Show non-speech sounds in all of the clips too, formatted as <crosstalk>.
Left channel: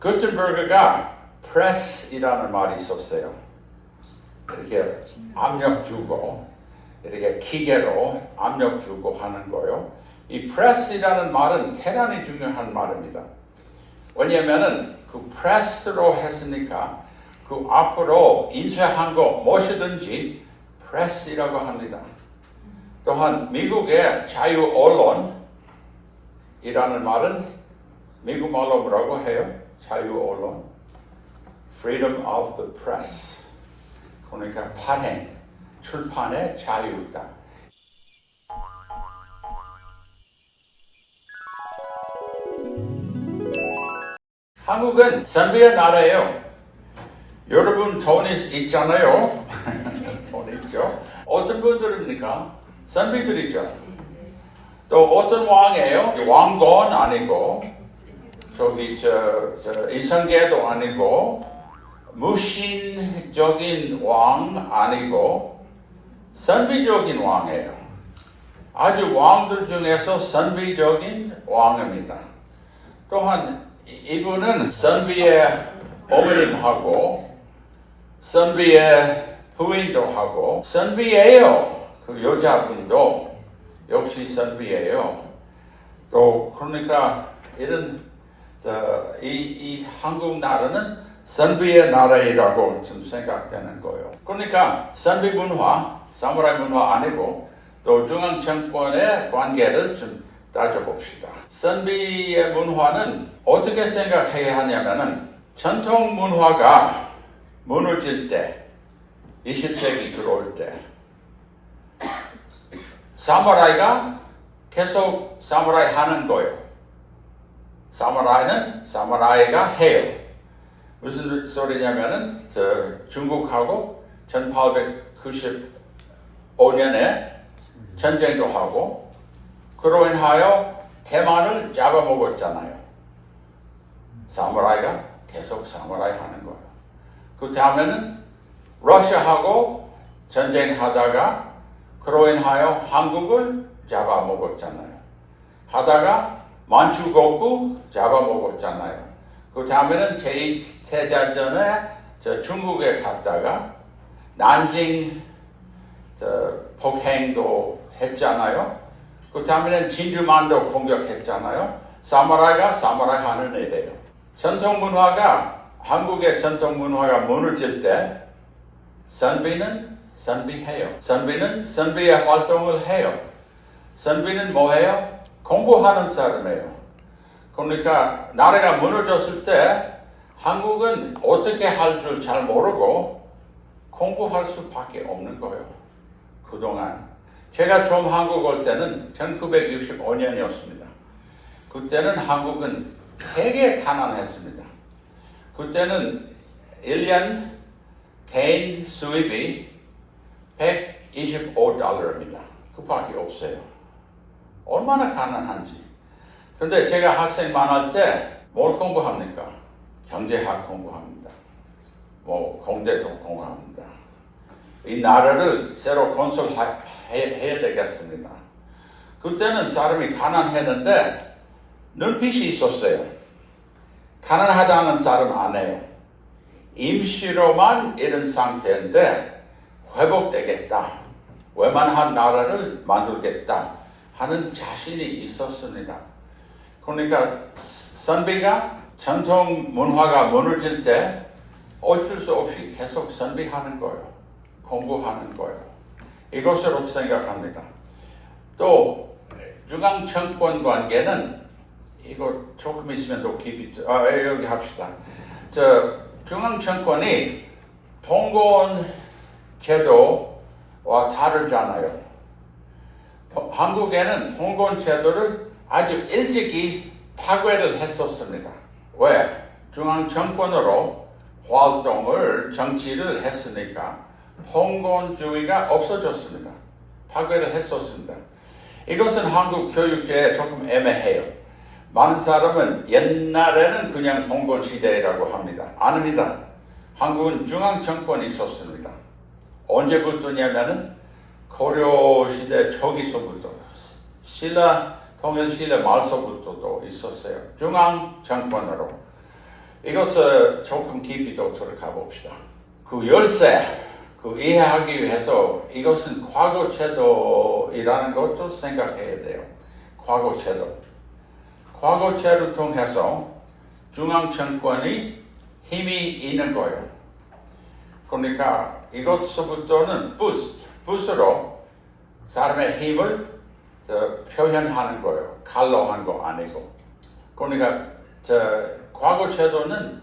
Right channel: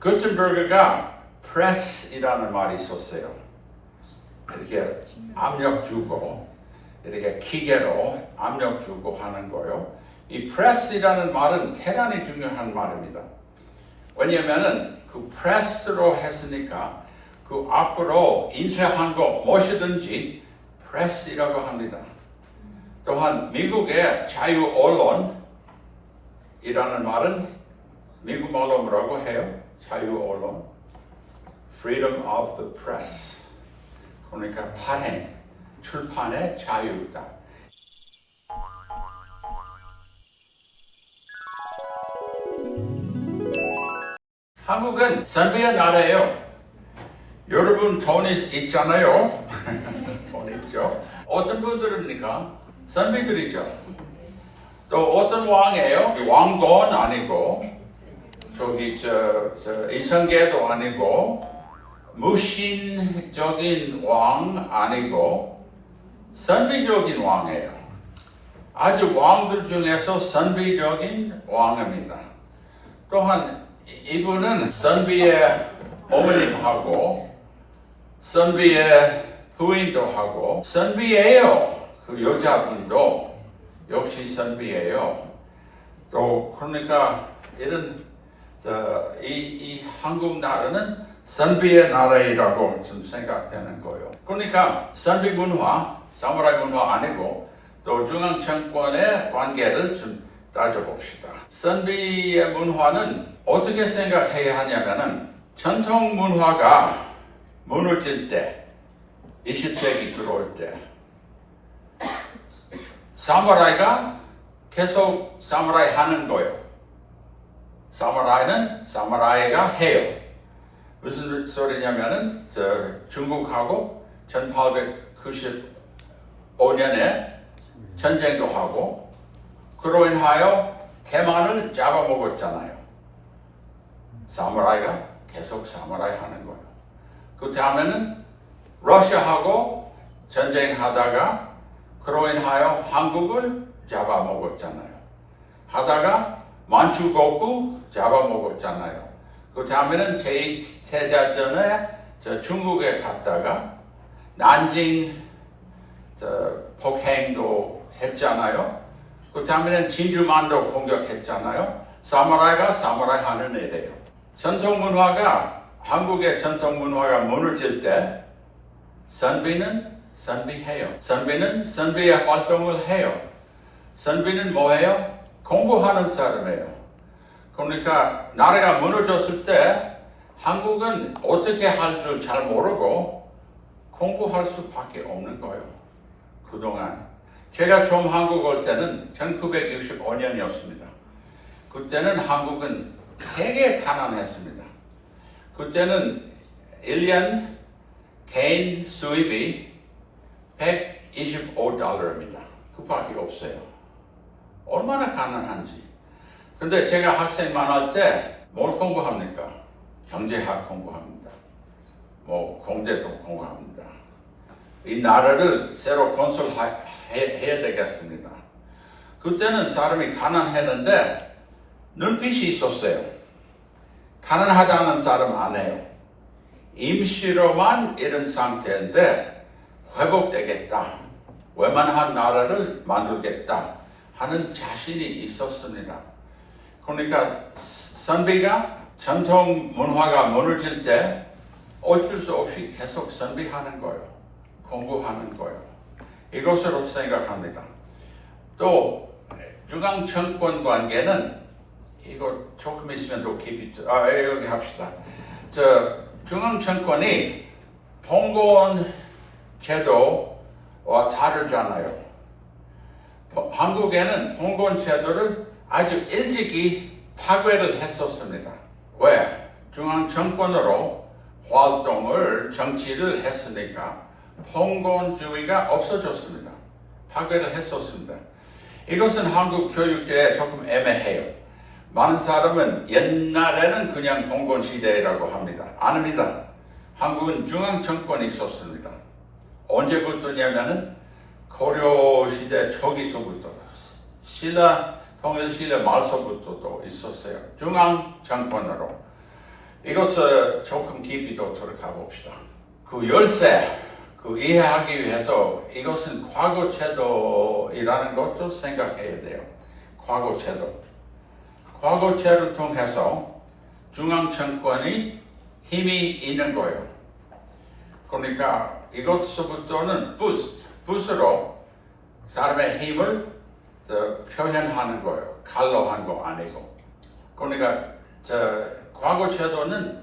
구텐버그가 press이라는 말이 있었어요. 이렇게 압력 주고 이렇게 기계로 압력 주고 하는 거요. 이 press이라는 말은 대단히 중요한 말입니다. 왜냐면은 그 press로 했으니까 그 앞으로 인쇄한 거 무엇이든지 press이라고 합니다. 또한 미국의 자유 언론이라는 말은 미국 말로 뭐라고 해요? 자유 언론. freedom of the press. 그러니까 발행, 출판의 자유다. 한국은 선비의 나라예요. 여러분 돈이 있잖아요. <laughs> 돈 있죠. 어떤 분들입니까? 선비들이죠. 또 어떤 왕이에요? 왕건 아니고 저기 저, 저 이성계도 아니고 무신적인 왕 아니고 선비적인 왕이에요. 아주 왕들 중에서 선비적인 왕입니다. 또한 이분은 선비의 어머님하고 선비의 부인도 하고 선비예요. 그 여자분도 역시 선비예요. 또 그러니까 이런 저, 이, 이 한국 나라는 선비의 나라이라고 좀 생각되는 거예요. 그러니까 선비 문화, 사무라이 문화 아니고 또 중앙 정권의 관계를 좀 따져봅시다. 선비의 문화는 어떻게 생각해야 하냐면은 전통 문화가 무너질 때, 20세기 들어올 때, 사무라이가 계속 사무라이 하는 거예요. 사무라이는 사무라이가 해요. 무슨 소리냐면은 저 중국하고 1895년에 전쟁도 하고 그로 인하여 대만을 잡아먹었잖아요. 사무라이가 계속 사무라이 하는 거예요. 그 다음에는 러시아하고 전쟁하다가 그로 인하여 한국을 잡아먹었잖아요. 하다가 만주국구 잡아먹었잖아요. 그 다음에는 제2세자전에 저 중국에 갔다가 난징 저 폭행도 했잖아요. 그 다음에는 진주만도 공격했잖아요. 사무라이가 사무라이 하는 일이에요. 전통 문화가 한국의 전통 문화가 무너질 때 선비는 선비해요. 선비는 선비의 활동을 해요. 선비는 뭐예요? 공부하는 사람이에요. 그러니까 나라가 무너졌을 때 한국은 어떻게 할 줄 잘 모르고 공부할 수밖에 없는 거예요. 그동안 제가 처음 한국 올 때는 1965년이었습니다. 그때는 한국은 되게 가난했습니다. 그때는 1년 개인 수입이 125달러입니다. 그 밖에 없어요. 얼마나 가난한지. 근데 제가 학생 많을 때뭘 공부합니까? 경제학 공부합니다. 뭐 공대도 공부합니다. 이 나라를 새로 건설해야 되겠습니다. 그때는 사람이 가난했는데 눈빛이 있었어요. 가난하다는 사람 안 해요. 임시로만 이런 상태인데 회복되겠다. 웬만한 나라를 만들겠다 하는 자신이 있었습니다. 그러니까 선비가 전통 문화가 무너질 때 어쩔 수 없이 계속 선비하는 거예요. 공부하는 거예요. 이것으로 생각합니다. 또 중앙 정권 관계는 이거 조금 있으면 더 깊이 아 여기 합시다. 저 중앙 정권이 봉건 제도와 다르잖아요. 한국에는 봉건 제도를 아주 일찍이 파괴를 했었습니다. 왜? 중앙 정권으로 활동을 정치를 했으니까 봉건주의가 없어졌습니다. 파괴를 했었습니다. 이것은 한국 교육계에 조금 애매해요. 많은 사람은 옛날에는 그냥 봉건 시대라고 합니다. 아닙니다. 한국은 중앙 정권이 있었습니다. 언제부터냐면은 고려 시대 초기서부터 신라 통일 시대 말서부터 도 있었어요. 중앙 정권으로. 이것을 조금 깊이 더 들어가 봅시다. 그 열쇠, 그 이해하기 위해서 이것은 과거 제도이라는 것도 생각해야 돼요. 과거 제도. 과거 제도를 통해서 중앙 정권이 힘이 있는 거예요. 그러니까 이것부터는 부스, 부스로 사람의 힘을 저, 표현하는 거예요. 칼로 한 거 아니고. 그러니까 저, 과거 제도는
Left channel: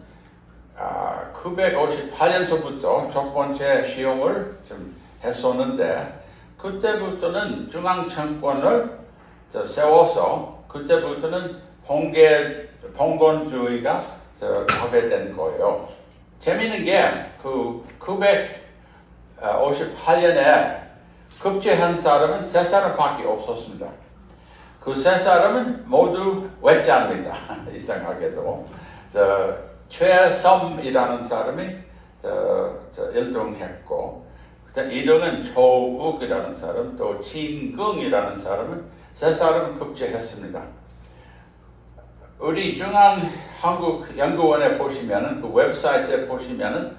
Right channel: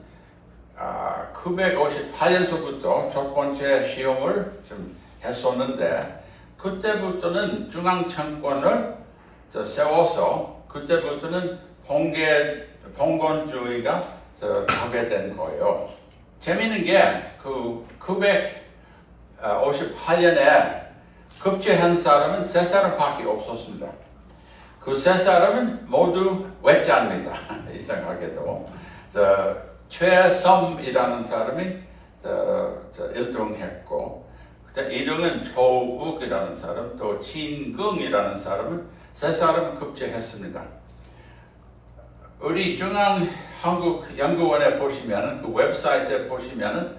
아, 958년서부터 첫 번째 시험을 좀 했었는데 그때부터는 중앙 정권을 저, 세워서 그때부터는 봉계 봉건주의가 저, 하게 된 거예요. 재미있는 게 그 958년에 급제한 사람은 세 사람밖에 없었습니다. 그 세 사람은 모두 외자입니다. <laughs> 이상하게도 저 최섬이라는 사람이 저, 저 1등했고 2등은 조욱이라는 사람 또 진긍이라는 사람은 세 사람 급제했습니다. 우리 중앙 한국 연구원에 보시면은 그 웹사이트에 보시면은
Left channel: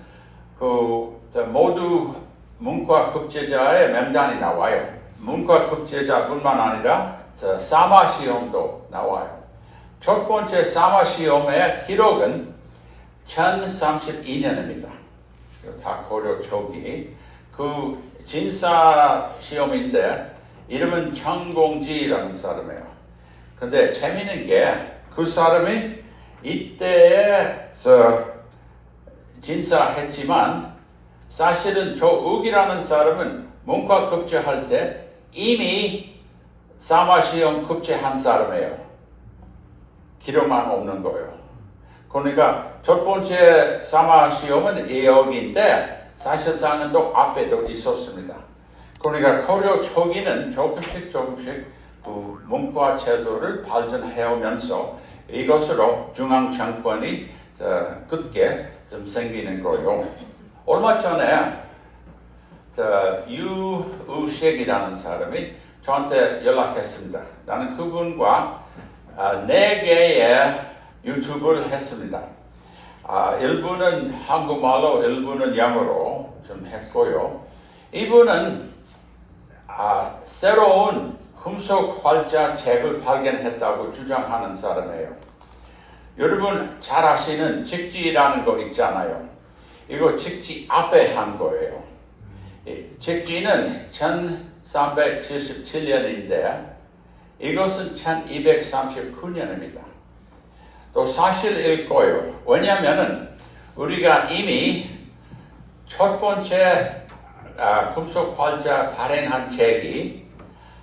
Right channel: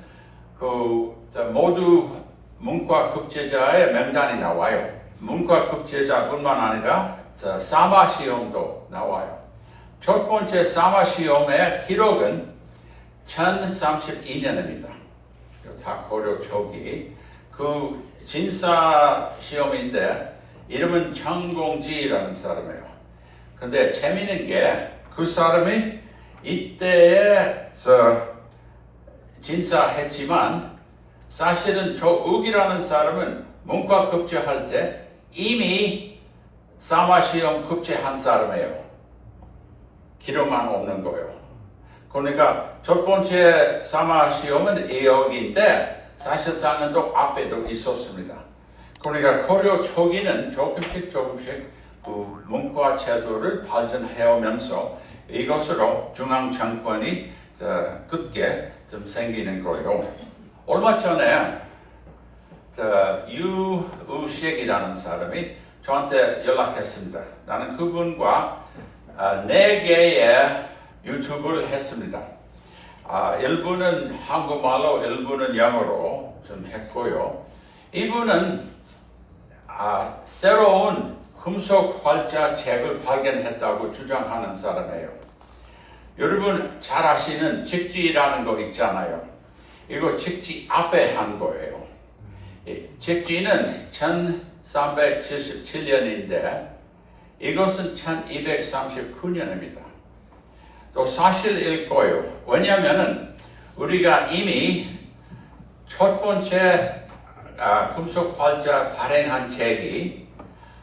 그저 모두 문과 급제자의 명단이 나와요. 문과 급제자뿐만 아니라 저 사마 시험도 나와요. 첫 번째 사마 시험의 기록은 1032년입니다. 다 고려 초기. 그 진사 시험인데 이름은 정공지라는 사람이에요. 근데 재미있는 게 그 사람이 이때에서 진사했지만 사실은 조욱이라는 사람은 문과 급제할 때 이미 사마시험 급제한 사람이에요. 기록만 없는 거예요. 그러니까 첫 번째 사마시험은 2억인데 사실상은 또 앞에도 있었습니다. 그러니까 고려 초기는 조금씩 조금씩 그 문과 제도를 발전해오면서 이것으로 중앙 정권이 굳게 좀 생기는 거예요. 얼마 전에 저 유우식이라는 사람이 저한테 연락했습니다. 나는 그분과 아, 네 개의 유튜브를 했습니다. 아, 일부는 한국말로, 일부는 영어로 좀 했고요. 이분은 아, 새로운 금속 활자 책을 발견했다고 주장하는 사람이에요. 여러분 잘 아시는 직지라는 거 있잖아요. 이거 직지 앞에 한 거예요. 이 직지는 1377년인데 이것은 1239년입니다. 또 사실일 거예요. 왜냐하면 우리가 이미 첫 번째 아, 금속 활자 발행한 책이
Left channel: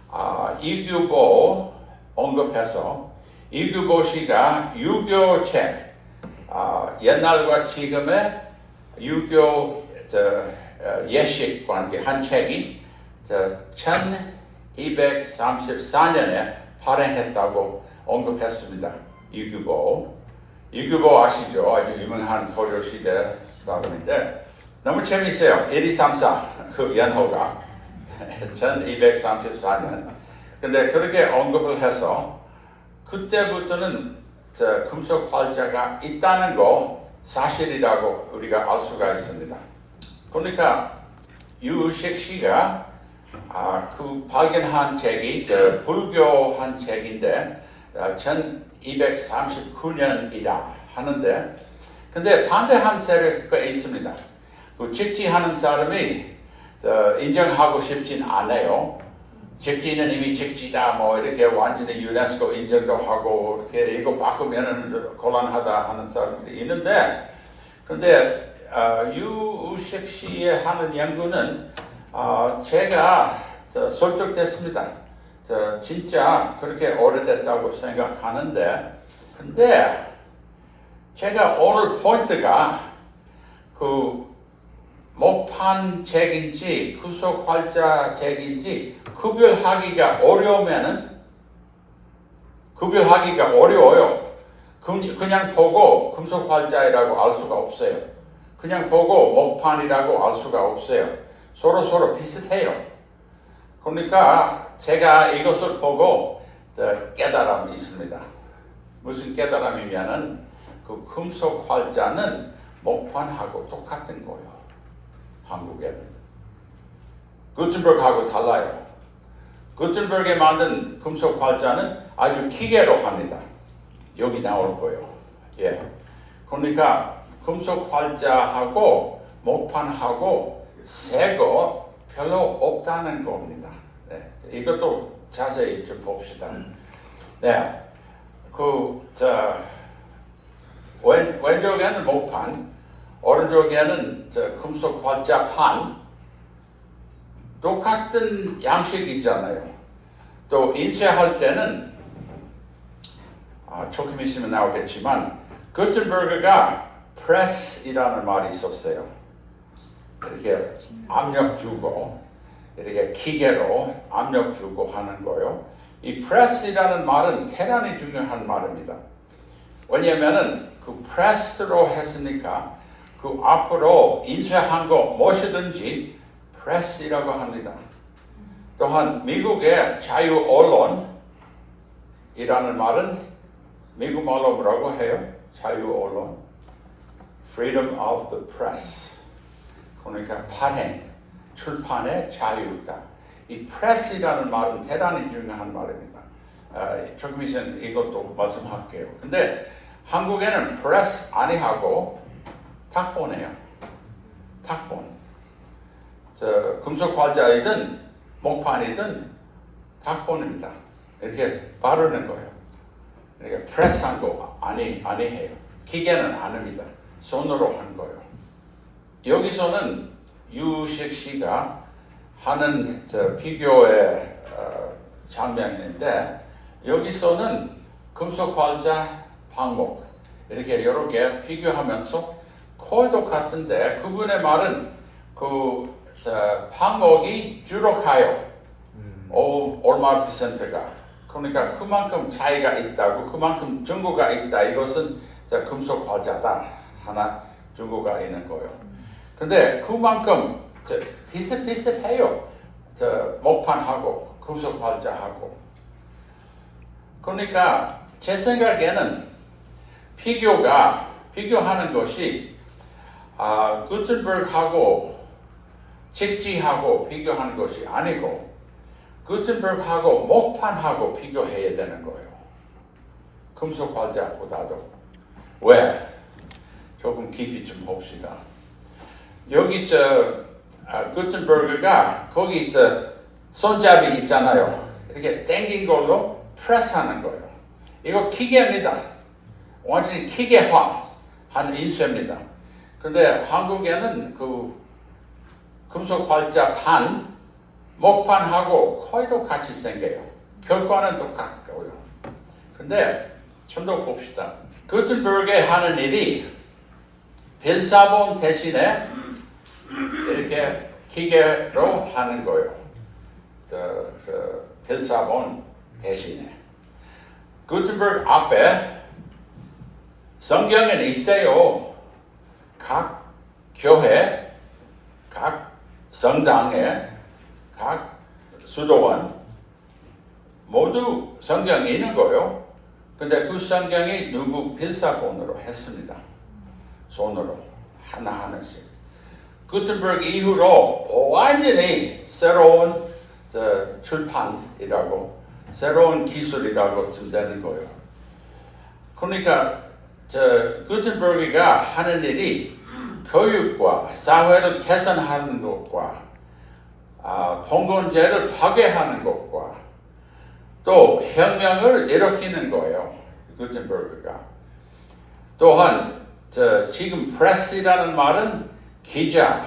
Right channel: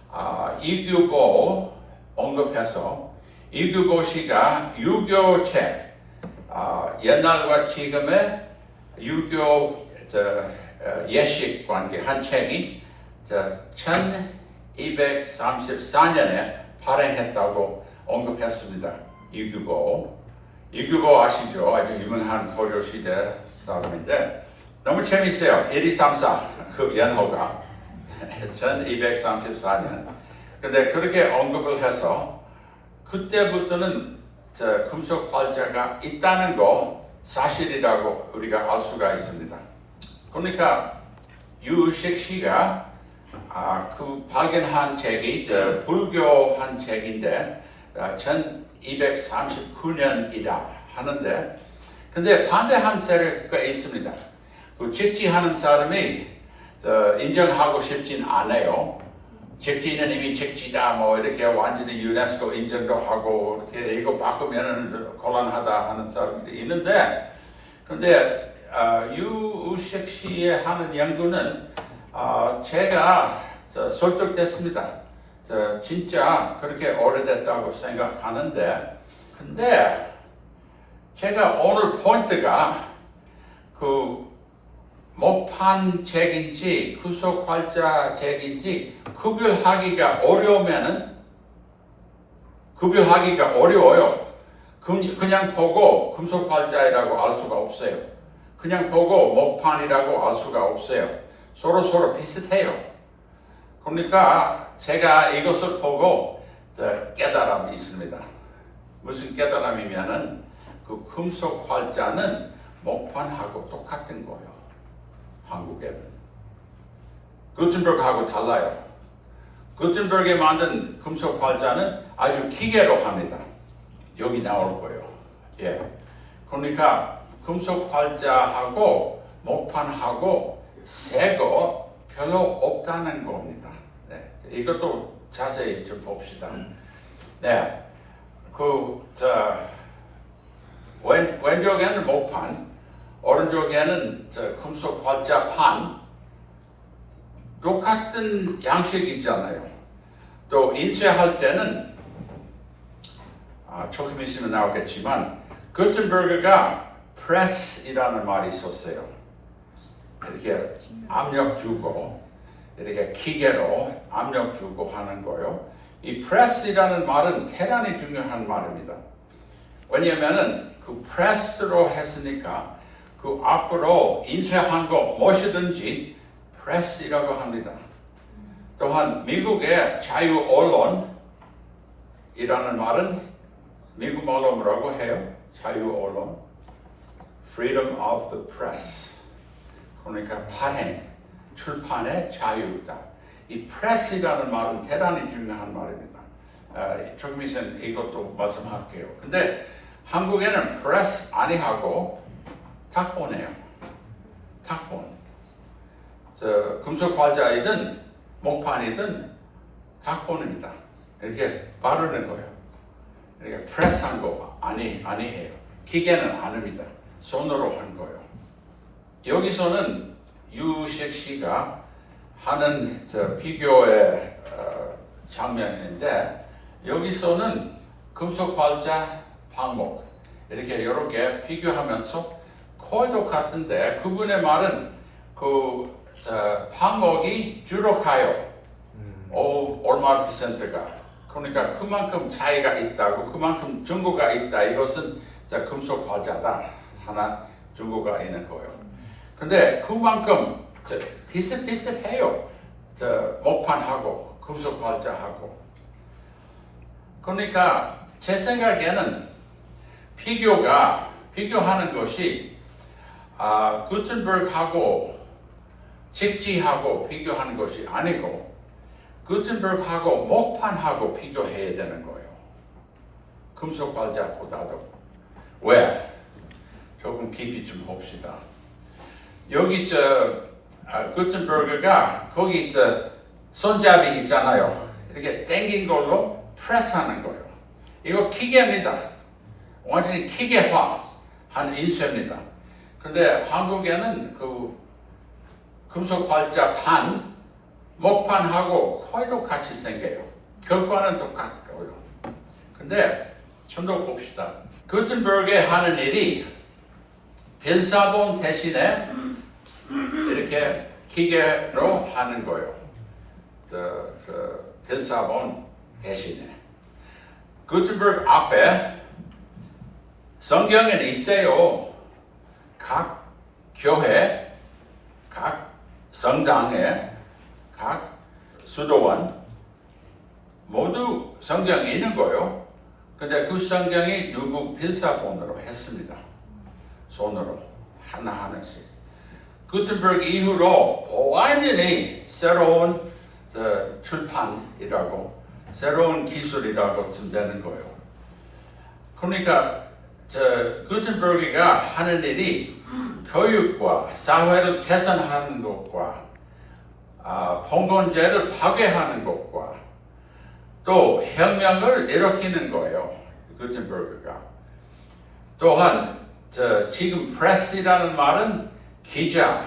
아, 이규보 언급해서 이규보 씨가 유교 책 아, 옛날과 지금의 유교 저, 어, 예식 관계 한 책이 저, 1234년에 발행했다고 언급했습니다. 이규보 이규보 아시죠? 아주 유명한 고려 시대 사람인데 너무 재밌어요. 1234 그 연호가 <laughs> 1234년. 근데 그렇게 언급을 해서 그때부터는 저 금속 활자가 있다는 거 사실이라고 우리가 알 수가 있습니다. 그러니까 유식 씨가 아, 그 발견한 책이 저 불교 한 책인데 아, 1239년이다 하는데 근데 반대한 세력가 있습니다. 그 직지하는 사람이 저, 인정하고 싶진 않아요. 직지는 이미 직지다 뭐 이렇게 완전히 유네스코 인정도 하고 이렇게 이거 바꾸면은 곤란하다 하는 사람들이 있는데 근데 어, 유우식 씨의 하는 연구는 어, 제가 저, 설득됐습니다. 저, 진짜 그렇게 오래됐다고 생각하는데 근데 제가 오늘 포인트가 그 목판 책인지 구속 활자 책인지 구별하기가 어려우면은 구별하기가 어려워요. 그- 그냥 보고 금속 활자이라고 알 수가 없어요. 그냥 보고 목판이라고 알 수가 없어요. 서로 서로 비슷해요. 그러니까 제가 이것을 보고 저 깨달음이 있습니다. 무슨 깨달음이면은 그 금속 활자는 목판하고 똑같은 거예요. 한국에는. 구텐버그하고 달라요. 구텐버그에 만든 금속 활자는 아주 기계로 합니다. 여기 나올 거예요. 예. 그러니까 금속 활자하고 목판하고 새거 별로 없다는 겁니다. 네. 이것도 자세히 좀 봅시다. 네. 그, 저, 왼, 왼쪽에는 목판, 오른쪽에는 저 금속 활자판, 똑같은 양식이잖아요. 또 인쇄할 때는 아, 조금 있으면 나오겠지만 구텐버그가 프레스이라는 말이 있었어요. 이렇게 압력 주고 이렇게 기계로 압력 주고 하는 거요. 이 프레스이라는 말은 대단히 중요한 말입니다. 왜냐면은 그 프레스로 했으니까 그 앞으로 인쇄한 거 무엇이든지 프레스라고 합니다. 또한 미국의 자유 언론이라는 말은 미국 말로 뭐라고 해요? 자유 언론. Freedom of the Press. 그러니까 발행, 출판의 자유다. 이 프레스라는 말은 대단히 중요한 말입니다. 아, 조금 있으면 이것도 말씀할게요. 근데 한국에는 프레스 아니하고 탁본이에요. 탁본. 저 금속 과자이든 목판이든 탁본입니다. 이렇게 바르는 거예요. 이렇게 프레스한 거 아니 아니해요. 기계는 안 합니다. 손으로 한 거예요. 여기서는 유식 씨가 하는 저 비교의 어, 장면인데 여기서는 금속 활자 방목 이렇게 여러 개 비교하면서 거의 똑같은데 그분의 말은 그 자, 방목이 주로 가요. 오, 얼마 퍼센트가. 그러니까 그만큼 차이가 있다고, 그만큼 증거가 있다. 이것은 자, 금속 활자다. 하나 증거가 있는 거예요. 근데 그만큼 저, 비슷비슷해요. 저, 목판하고, 금속 활자하고. 그러니까 제 생각에는 비교가, 비교하는 것이 아, 구텐버그하고 직지하고 비교하는 것이 아니고 구텐버그하고 목판하고 비교해야 되는 거예요. 금속 활자보다도 왜? 조금 깊이 좀 봅시다. 여기 저 아, 구텐버그가 거기 저 손잡이 있잖아요. 이렇게 당긴 걸로 프레스하는 거예요. 이거 기계입니다. 완전히 기계화 한 인쇄입니다. 근데 한국에는 그 금속 활자 판, 목판하고 거의 똑같이 생겨요. 결과는 똑같고요. 근데 좀 더 봅시다. 구텐버그에 하는 일이 빌사본 대신에 이렇게 기계로 하는 거예요. 저, 저 빌사본 대신에. 구텐버그 앞에 성경에 있어요. 각 교회, 각 성당에 각 수도원 모두 성경에 있는 거요. 근데 그 성경이 누구 필사본으로 했습니다. 손으로 하나하나씩. 구텐버그 이후로 완전히 새로운 저, 출판이라고 새로운 기술이라고 좀 되는 거예요. 그러니까 저 구텐버그가 하는 일이 교육과 사회를 개선하는 것과 아, 봉건제를 파괴하는 것과 또 혁명을 일으키는 거예요. 구텐버그가. 또한 저 지금 프레스라는 말은 기자,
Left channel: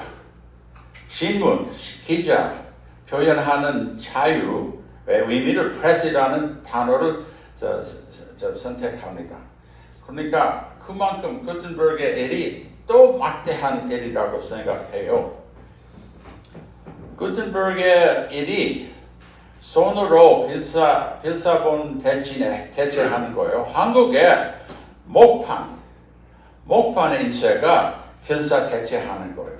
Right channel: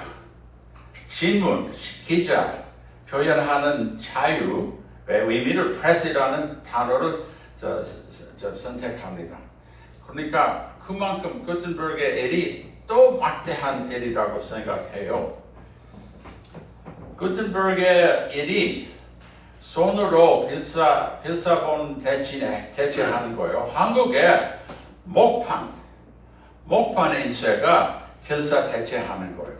신문, 기자 표현하는 자유의 의미를 프레스라는 단어를 저, 저, 저 선택합니다. 그러니까 그만큼 구텐버그의 일이 또 막대한 일이라고 생각해요. 구텐버그의 일이 손으로 필사, 필사본 대신에 대체하는 거예요. 한국의 목판, 목판 인쇄가 필사 대체하는 거예요.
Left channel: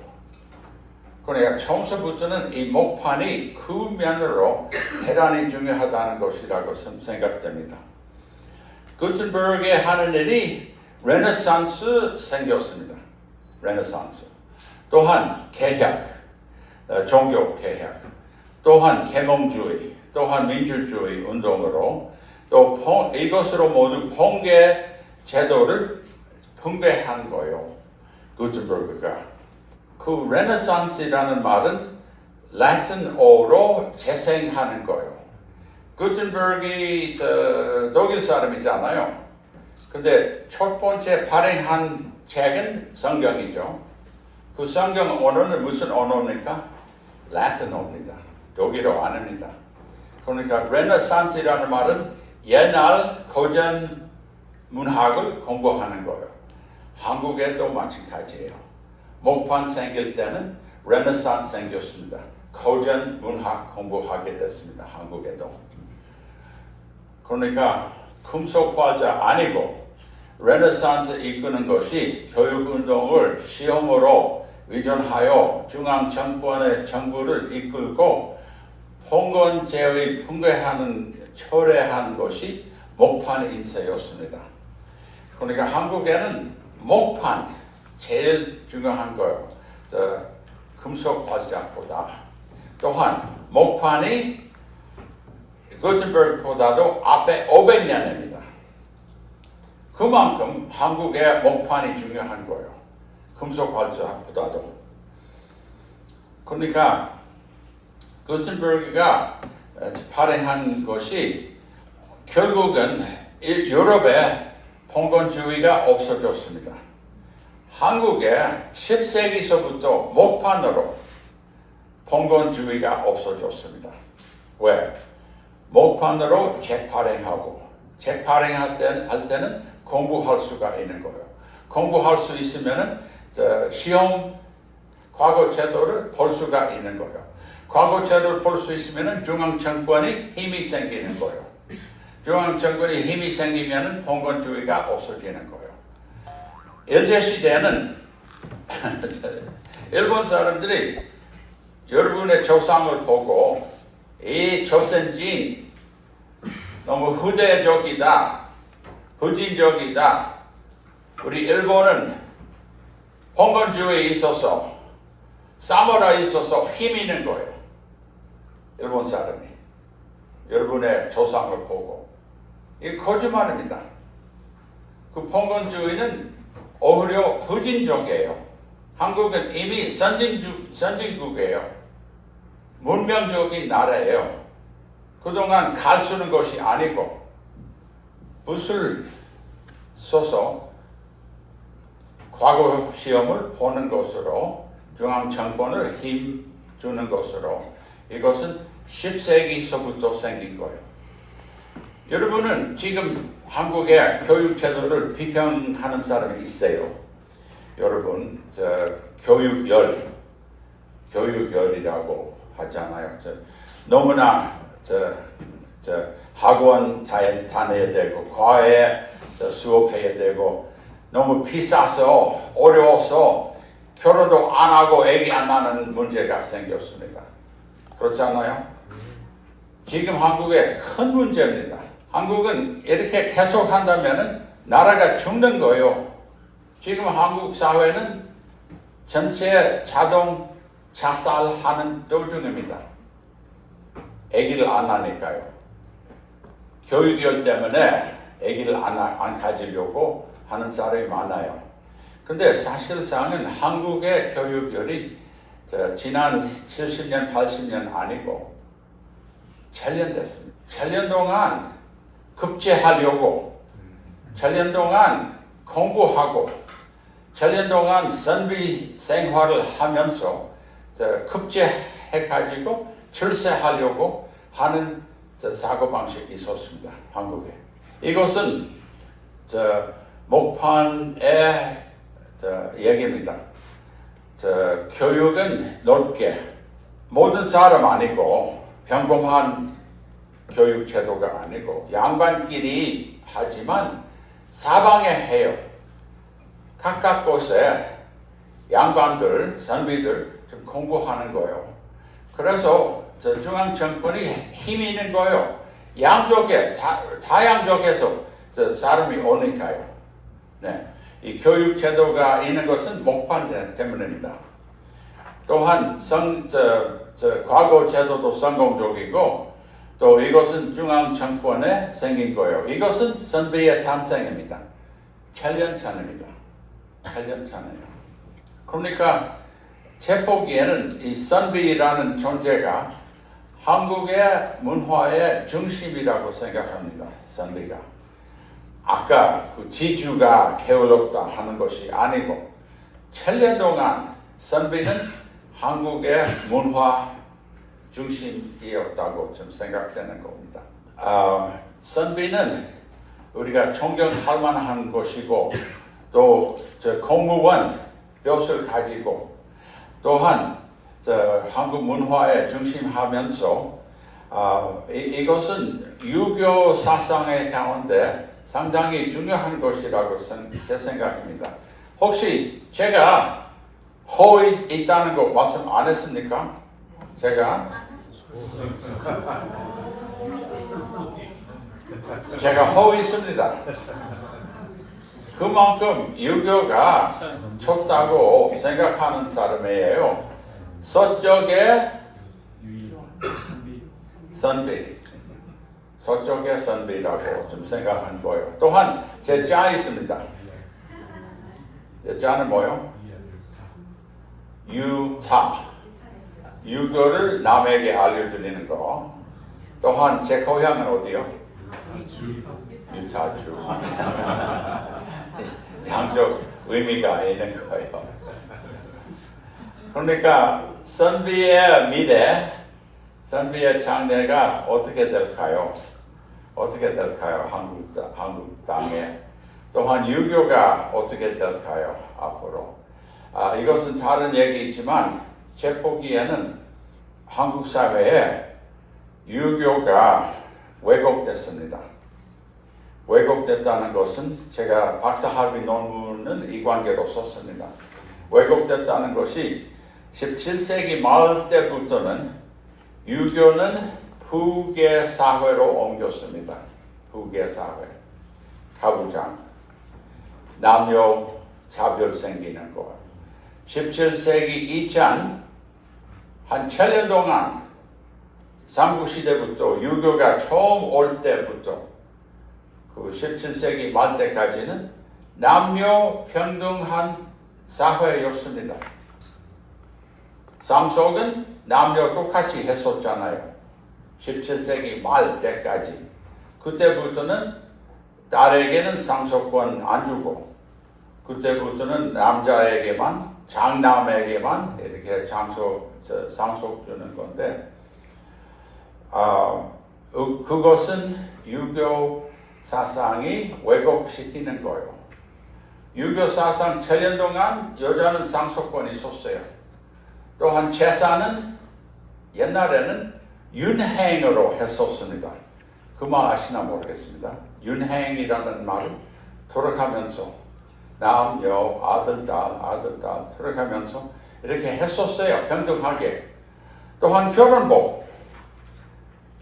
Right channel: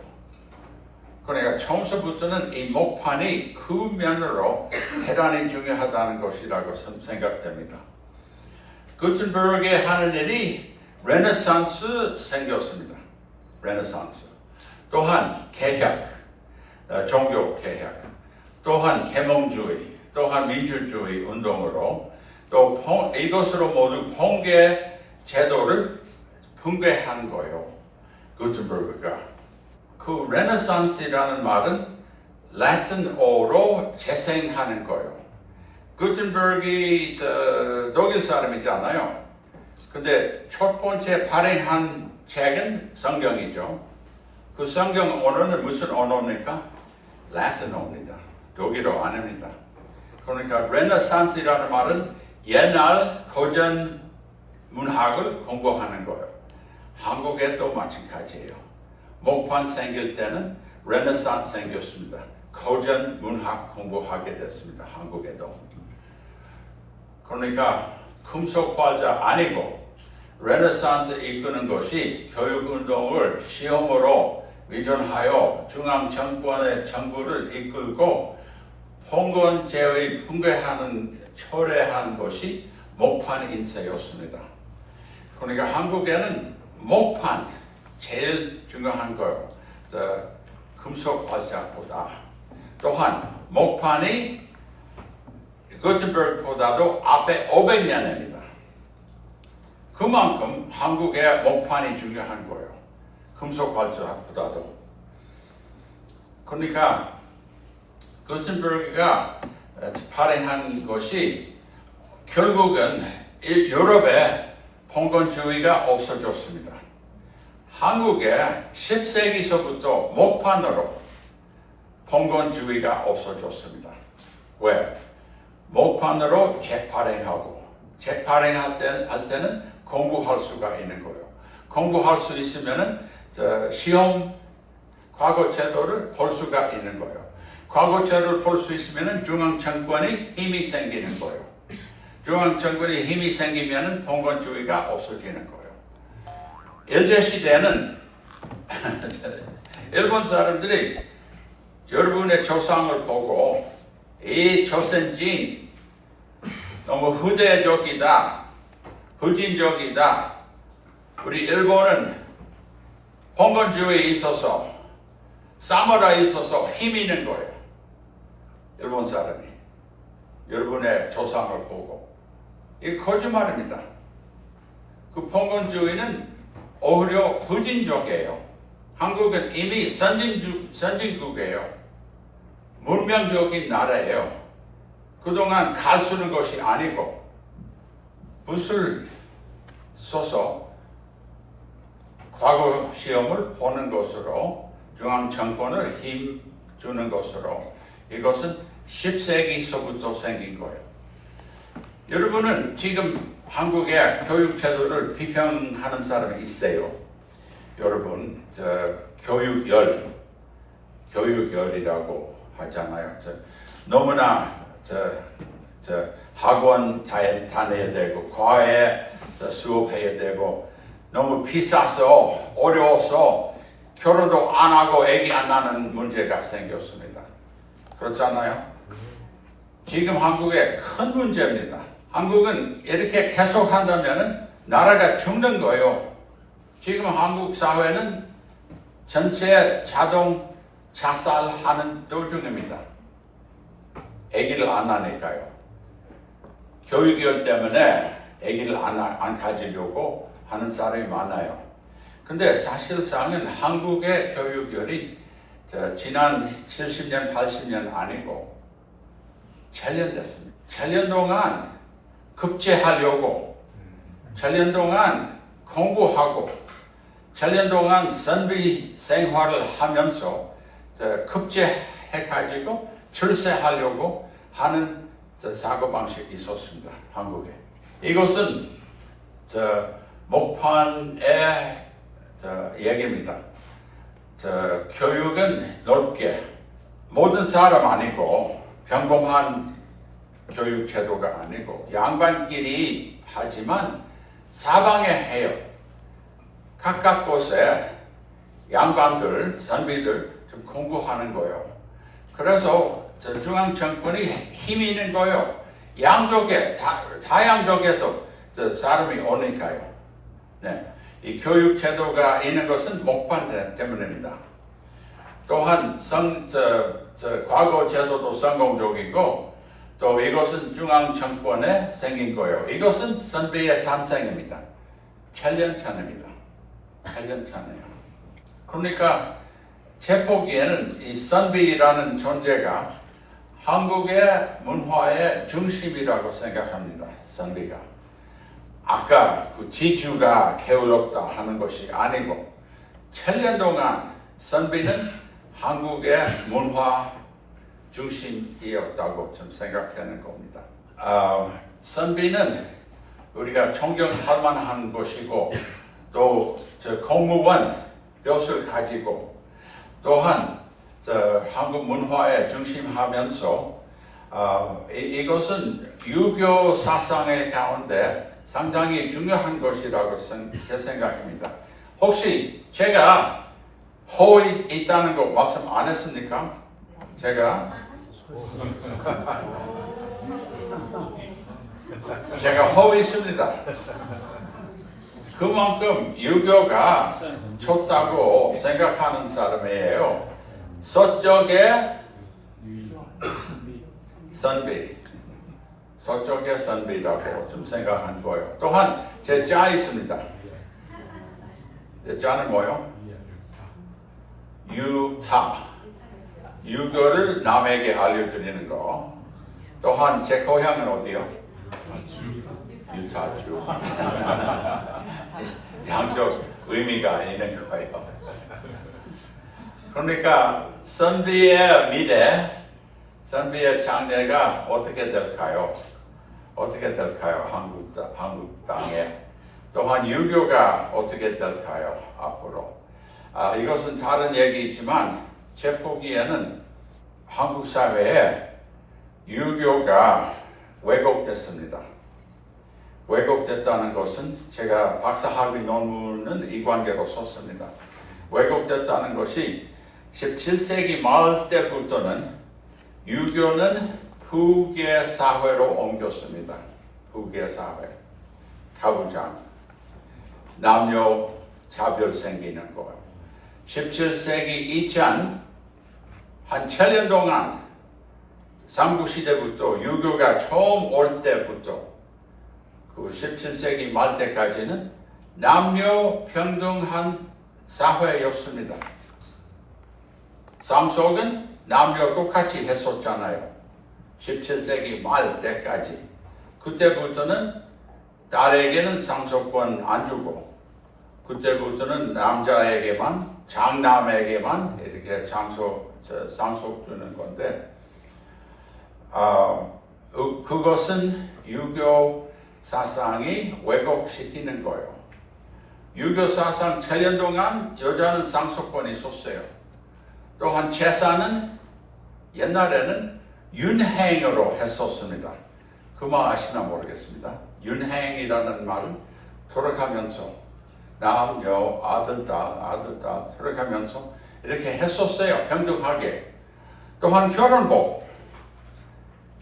그러니까 처음서부터는 이 목판이 그 면으로 대단히 중요하다는 것이라고 생각됩니다. 구텐버그의 하는 일이 레네상스 생겼습니다. 레네상스. 또한 개혁, 어, 종교 개혁, 또한 계몽주의, 또한 민주주의 운동으로 또 봉- 이것으로 모두 봉계 제도를 붕괴한 거예요. 구텐버그가. 그 레네상스라는 말은 라틴어로 재생하는 거예요. 구텐버그이 저 독일 사람이잖아요. 근데 첫 번째 발행한 책은 성경이죠. 그 성경 언어는 무슨 언어입니까? 라틴어입니다. 독일어 아닙니다. 그러니까 레네상스라는 말은 옛날 고전 문학을 공부하는 거예요. 한국에도 마찬가지예요. 목판 생길 때는 레네상스 생겼습니다. 고전 문학 공부하게 됐습니다. 한국에도. 그러니까 금속 화자 아니고 레네상스 이끄는 것이 교육운동을 시험으로 위전하여 중앙 정권의 정부를 이끌고 봉건제의 붕괴하는 철회한 것이 목판 인쇄였습니다. 그러니까 한국에는 목판 제일 중요한 거예요. 저 금속 화자보다 또한 목판이 구텐버그보다도 앞에 500년입니다. 그만큼 한국의 목판이 중요한 거예요. 금속 활자보다도. 그러니까 구텐버그가 발행한 것이 결국은 이 유럽에 봉건주의가 없어졌습니다. 한국에 10세기서부터 목판으로 봉건주의가 없어졌습니다. 왜? 목판으로 책 발행하고 책 발행할 때, 할 때는 공부할 수가 있는 거예요. 공부할 수 있으면은 저 시험 과거 제도를 볼 수가 있는 거예요. 과거 제도를 볼 수 있으면은 중앙 정권이 힘이 생기는 거예요. 중앙 정권이 힘이 생기면은 봉건주의가 없어지는 거예요. 일제 시대는 <laughs> 일본 사람들이 여러분의 조상을 보고 이 조선진 너무 후대적이다, 후진적이다. 우리 일본은 봉건주의에 있어서 사무라에 있어서 힘 있는 거예요. 일본 사람이 여러분의 조상을 보고 이 거짓말입니다. 그 봉건주의는 오히려 후진적이에요. 한국은 이미 선진주, 선진국이에요. 문명적인 나라예요. 그동안 갈 쓰는 것이 아니고 붓을 써서 과거 시험을 보는 것으로 중앙 정권을 힘 주는 것으로 이것은 10세기서부터 생긴 거예요. 여러분은 지금 한국의 교육 제도를 비평하는 사람이 있어요. 여러분, 저 교육열, 교육열이라고 하잖아요. 저 너무나 저, 저 학원 다, 다녀야 되고 과외 저 수업해야 되고 너무 비싸서 어려워서 결혼도 안 하고 아기 안 낳는 문제가 생겼습니다. 그렇잖아요? 지금 한국의 큰 문제입니다. 한국은 이렇게 계속 한다면 나라가 죽는 거예요. 지금 한국 사회는 전체 자동 자살하는 도중입니다. 아기를 안 낳으니까요. 교육열 때문에 아기를 안, 안 가지려고 하는 사람이 많아요. 근데 사실상은 한국의 교육열이 저 지난 70년, 80년 아니고 7년 됐습니다. 7년 동안 급제하려고 7년 동안 공부하고 7년 동안 선비 생활을 하면서 저 급제해가지고 출세하려고 하는 저 사고 방식이 있었습니다. 한국에. 이것은 저 목판의 저 얘기입니다. 저 교육은 넓게 모든 사람 아니고 평범한 교육 제도가 아니고 양반끼리 하지만 사방에 해요. 각각 곳에 양반들, 선비들 좀 공부하는 거예요. 그래서 저 중앙 정권이 힘이 있는 거예요. 양쪽에 다, 다 양쪽에서 저 사람이 오니까요. 네. 이 교육 제도가 있는 것은 목판 때- 때문입니다. 또한 성, 저, 저 과거 제도도 성공적이고 또 이것은 중앙 정권에 생긴 거예요. 이것은 선비의 탄생입니다. 7년 차입니다. 8년 차네요. 그러니까 제 보기에는 이 선비라는 존재가 한국의 문화의 중심이라고 생각합니다. 선비가. 아까 그 지주가 게을렀다 하는 것이 아니고 7년 동안 선비는 한국의 문화 중심이었다고 좀 생각되는 겁니다. 아, 선비는 우리가 존경할 만한 것이고 또저 공무원 뼈를 가지고 또한 저 한국 문화에 중심하면서 아, 이, 이것은 유교 사상의 가운데 상당히 중요한 것이라고 생- 제 생각입니다. 혹시 제가 허위 있다는 거 말씀 안 했습니까? 제가 제가 허위 있습니다. 그만큼 유교가 좋다고 생각하는 사람이에요. 서쪽에 선비, 서쪽의 선비라고 좀 생각한 거예요. 또한 제 자 있습니다. 제 자는 뭐요? 유타. 유교를 남에게 알려드리는 거. 또한 제 고향은 어디요? 유타주. <laughs> 양쪽 의미가 있는 거예요. 그러니까 선비의 미래, 선비의 장래가 어떻게 될까요? 어떻게 될까요? 한국, 땅- 한국 땅에. 또한 유교가 어떻게 될까요? 앞으로. 아, 이것은 다른 얘기이지만 제 보기에는 한국 사회에 유교가 왜곡됐습니다. 왜곡됐다는 것은 제가 박사학위 논문은 이 관계로 썼습니다. 왜곡됐다는 것이 17세기 말 때부터는 유교는 후계 사회로 옮겼습니다. 후계 사회. 가부장. 남녀 차별 생기는 것. 17세기 이전 한 7년 동안 삼국시대부터 유교가 처음 올 때부터 그 17세기 말 때까지는 남녀 평등한 사회였습니다. 삼속은 남녀 똑같이 했었잖아요. 17세기 말 때까지. 그때부터는 딸에게는 상속권 안 주고 그때부터는 남자에게만 장남에게만 이렇게 장소 저, 상속 주는 건데 아, 그- 그것은 유교 사상이 왜곡시키는 거예요. 유교 사상 7년 동안 여자는 상속권이 있었어요. 또한 제사는 옛날에는 윤행으로 했었습니다. 그 말 아시나 모르겠습니다. 윤행이라는 말을 돌아가면서 남녀 아들 딸 아들 딸 돌아가면서 이렇게 했었어요. 평등하게. 또한 결혼복.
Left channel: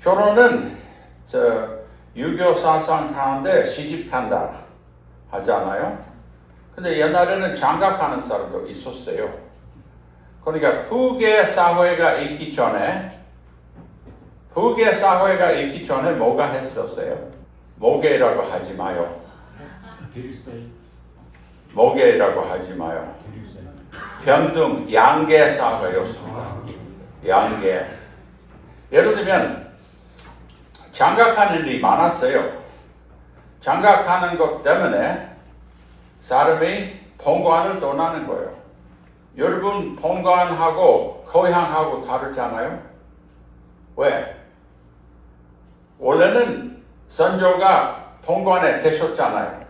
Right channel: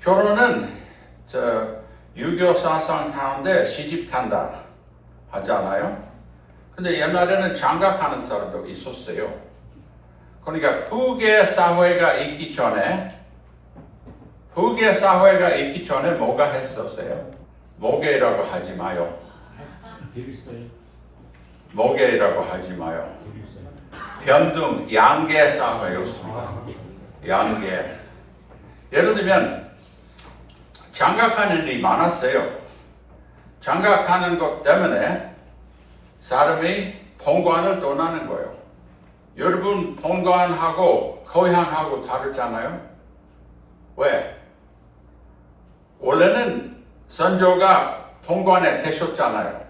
결혼은 저 유교 사상 가운데 시집 간다 하잖아요. 근데 옛날에는 장가가는 사람도 있었어요. 그러니까 후계 사회가 있기 전에 후계 사회가 있기 전에 뭐가 했었어요? 모계라고 하지 마요. 모계라고 하지 마요. 변등 양계 사회였습니다. 양계. 예를 들면 장가가는 일이 많았어요. 장가가는 것 때문에 사람이 본관을 떠나는 거예요. 여러분 본관하고 고향하고 다르잖아요. 왜? 원래는 선조가 본관에 계셨잖아요.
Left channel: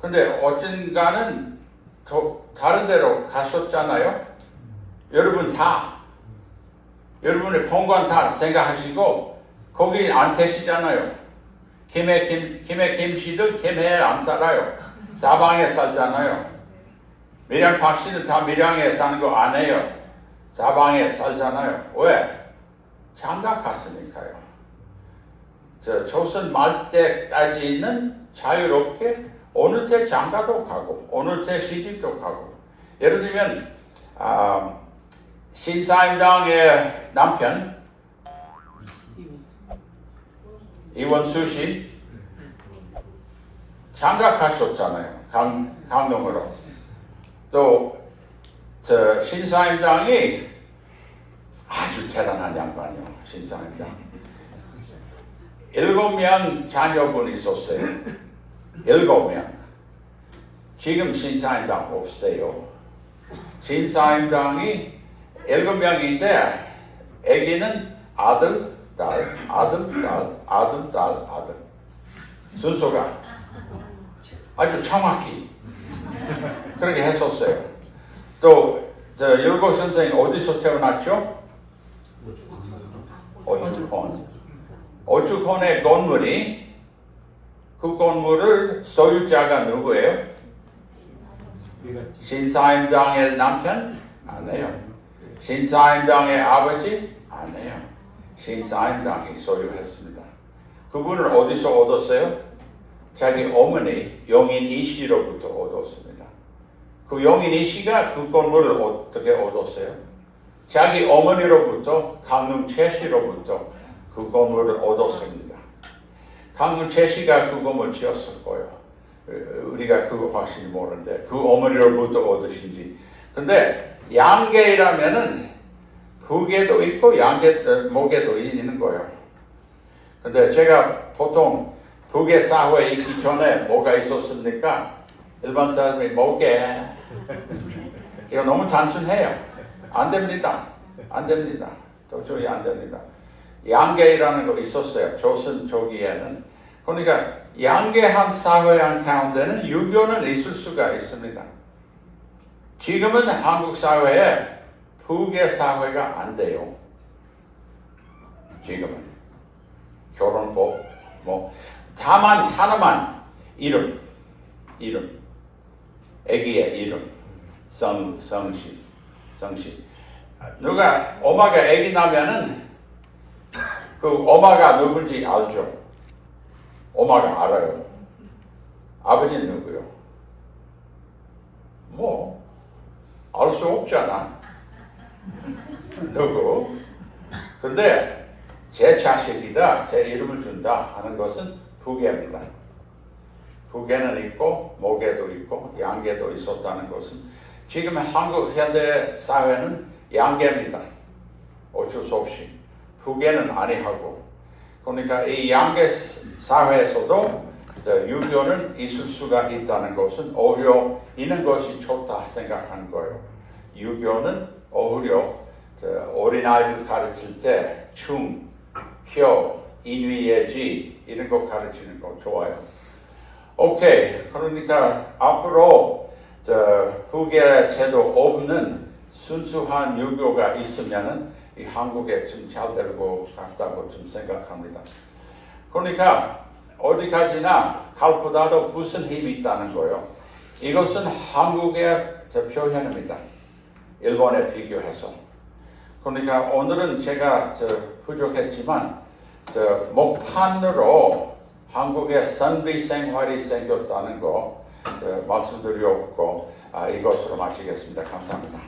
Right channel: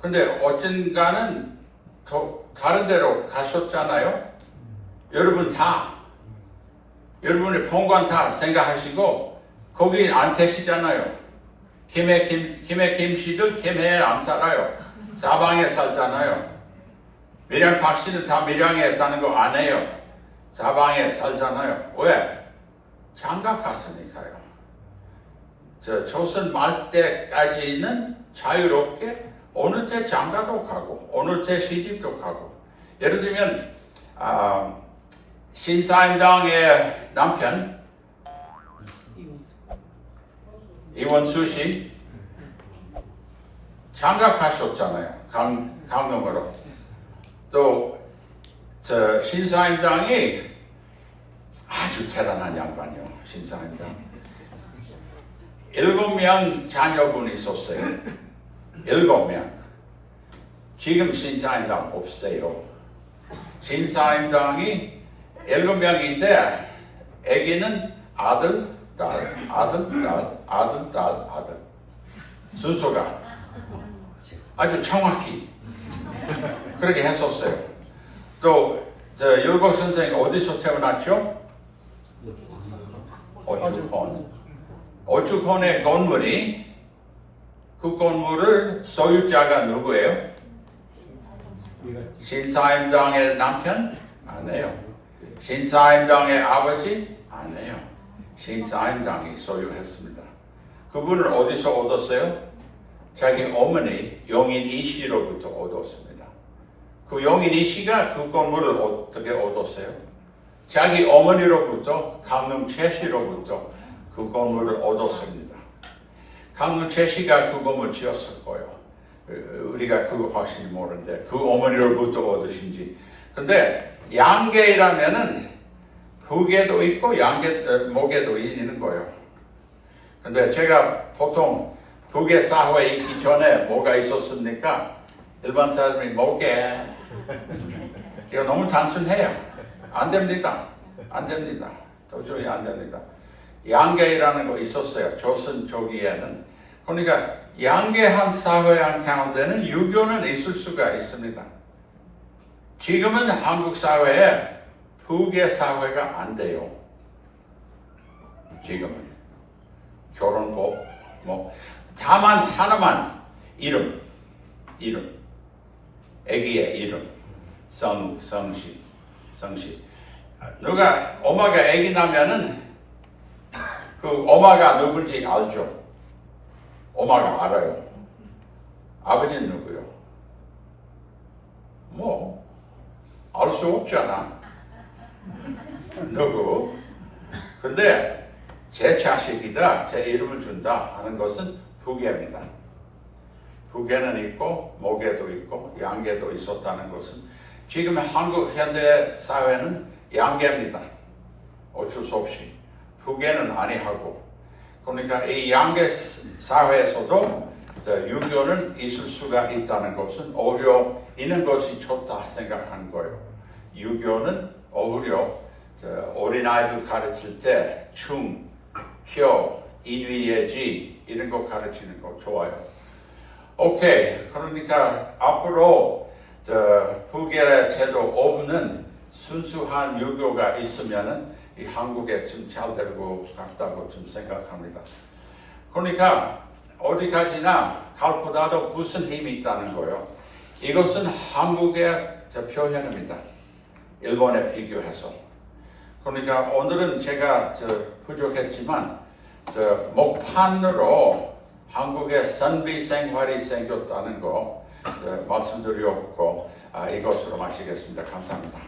근데 어쩐가는 더 다른 데로 가셨잖아요. 여러분 다 여러분의 본관 다 생각하시고 거기 안 계시잖아요. 김해 김 김해 김씨들 김해에 안 살아요. 사방에 살잖아요. 밀양 박씨들 다 밀양에 사는 거 안 해요. 사방에 살잖아요. 왜? 장가 갔으니까요. 저 조선 말 때까지는 자유롭게 어느 때 장가도 가고 어느 때 시집도 가고 예를 들면 아, 신사임당의 남편 이원수 씨 장가 가셨잖아요. 강, 강릉으로. 또, 저, 신사임당이 아주 대단한 양반이요. 신사임당. 일곱 명 자녀분이 있었어요. 일곱 명. 지금 신사임당 없어요. 신사임당이 일곱 명인데, 아기는 아들, 딸, 아들, 딸, 아들, 딸, 아들. 순서가 아주 정확히 그렇게 했었어요. 또, 저, 일곱 선생이 어디서 태어났죠? 어주콘. 어주콘의 건물이 그 건물을 소유자가 누구예요? 신사임당의 남편? 아니에요. 신사임당의 아버지? 아니에요. 신사임당이 소유했습니다. 그분은 어디서 얻었어요? 자기 어머니 용인 이씨로부터 얻었습니다. 그 용인 이 씨가 그 건물을 어떻게 얻었어요? 자기 어머니로부터 강릉 최씨로부터 그 건물을 얻었습니다. 강릉 최씨가 그 건물 지었을 거예요. 어, 우리가 그거 확실히 모르는데 그 어머니로부터 얻으신지. 근데 양계라면은 북에도 있고 양계 어, 목에도 있는 거예요. 근데 제가 보통 북의 사회에 있기 전에 뭐가 있었습니까? 일반 사람이 목에 <laughs> 이거 너무 단순해요. 안 됩니다. 안 됩니다. 도저히 안 됩니다. 양계라는 거 있었어요. 조선 초기에는. 그러니까 양계한 사회 한 가운데는 유교는 있을 수가 있습니다. 지금은 한국 사회에 북의 사회가 안 돼요. 지금은 결혼법 뭐 다만 하나만 이름 이름 아기의 이름 성 성씨 성씨. 누가 엄마가 아기 나면은 그 엄마가 누군지 알죠. 엄마가 알아요. 아버지는 누구요? 뭐 알 수 없잖아. 누구? 근데 제 자식이다 제 이름을 준다 하는 것은 부계입니다. 부계는 있고 목에도 있고 양계도 있었다는 것은 지금 한국 현대 사회는 양계입니다. 어쩔 수 없이 부계는 아니하고 그러니까 이 양계 사회에서도 저 유교는 있을 수가 있다는 것은 오히려 있는 것이 좋다 생각한 거예요. 유교는 오히려 저 어린아이들 가르칠 때 충, 혀, 인위예지 이런 거 가르치는 거 좋아요. 오케이. 그러니까 앞으로 저 후계 제도 없는 순수한 유교가 있으면은 이 한국에 좀 잘 되고 같다고 좀 생각합니다. 그러니까 어디까지나 갈보다도 무슨 힘이 있다는 거예요. 이것은 한국의 표현입니다. 일본에 비교해서. 그러니까 오늘은 제가 저 부족했지만 저 목판으로 한국의 선비 생활이 생겼다는 거저 말씀드렸고 아, 이것으로 마치겠습니다. 감사합니다.